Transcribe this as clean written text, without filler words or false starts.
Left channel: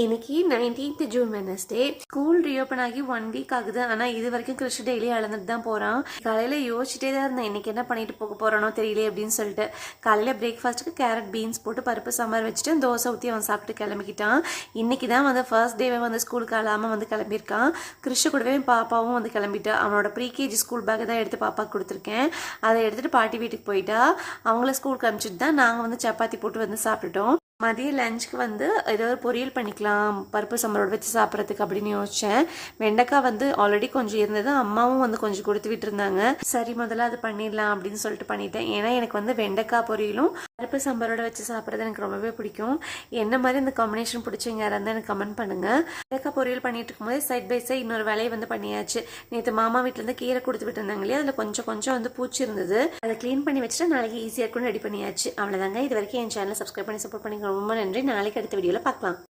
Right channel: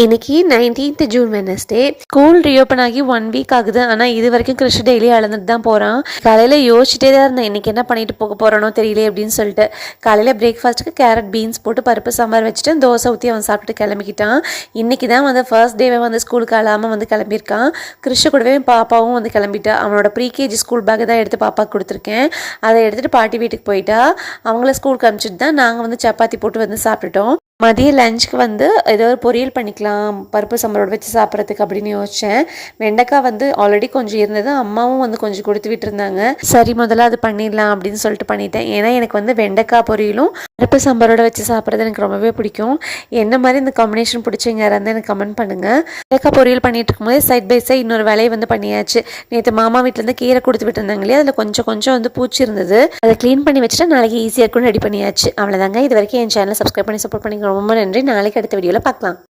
இன்னைக்கு 19th June Wednesday. School reopen ஆகி 1 week ஆகுது. ஆனால் இது வரைக்கும் கிறிஷ் டெய்லி அழுந்துட்டு தான் போகிறான். காலையில் யோசிச்சுட்டே தான் இருந்தேன், இன்னைக்கு என்ன பண்ணிட்டு போக போகிறானோ தெரியல அப்படின்னு சொல்லிட்டு. காலையில் பிரேக்ஃபாஸ்ட்டுக்கு கேரட் பீன்ஸ் போட்டு பருப்பு சாம்பார் வச்சுட்டு தோசை ஊற்றி அவன் சாப்பிட்டு கிளம்பிக்கிட்டான். இன்றைக்கி தான் வந்து ஃபர்ஸ்ட் டேவை வந்து ஸ்கூலுக்கு அழாமல் வந்து கிளம்பியிருக்கான். கிறிஷ் கூடவே பாப்பாவும் வந்து கிளம்பிட்டா. அவனோட ப்ரீகேஜி ஸ்கூல் பேக்கை தான் எடுத்து பாப்பாவுக்கு கொடுத்துருக்கேன். அதை எடுத்துகிட்டு பாட்டி வீட்டுக்கு போயிட்டா. அவங்கள ஸ்கூலுக்கு அனுப்பிச்சிட்டு தான் நாங்கள் வந்து சப்பாத்தி போட்டு வந்து சாப்பிட்டுட்டோம். மதிய லஞ்சுக்கு வந்து ஏதோ ஒரு பொரியல் பண்ணிக்கலாம் பருப்பு சாம்பாரோட வச்சு சாப்பிட்றதுக்கு அப்படின்னு யோசித்தேன். வெண்டைக்காய் வந்து ஆல்ரெடி கொஞ்சம் இருந்தது, அம்மாவும் வந்து கொஞ்சம் கொடுத்து விட்டுருந்தாங்க. சரி முதல்ல அது பண்ணிடலாம் அப்படின்னு சொல்லிட்டு பண்ணிட்டேன். ஏன்னா எனக்கு வந்து வெண்டைக்காய் பொரியலும் பருப்பு சாம்பாரோட வச்சு சாப்பிட்றது எனக்கு ரொம்பவே பிடிக்கும். என்ன மாதிரி இந்த காம்பினேஷன் பிடிச்சிங்க யாராவது எனக்கு கமெண்ட் பண்ணுங்கள். வெண்டைக்காய் பொரியல் பண்ணிட்டு இருக்கும்போது சைட் பை சைட் இன்னொரு வேலையை வந்து பண்ணியாச்சு. நேற்று மாமா வீட்டிலேருந்து கீரை கொடுத்து விட்டுருந்தாங்க இல்லையா, அதில் கொஞ்சம் கொஞ்சம் வந்து பூச்சி இருந்தது. அதை க்ளீன் பண்ணி வச்சுட்டு நாளைக்கு ஈஸியாக இருக்கும்னு ரெடி பண்ணியாச்சு. அவ்வளோதாங்க. இது வரைக்கும் என் சேனலை சப்ஸ்கிரைப் பண்ணி சப்போர்ட் பண்ணி ரொம்ப நன்றி. நாளைக்கு அடுத்த வீடியோவில் பார்க்கலாம்.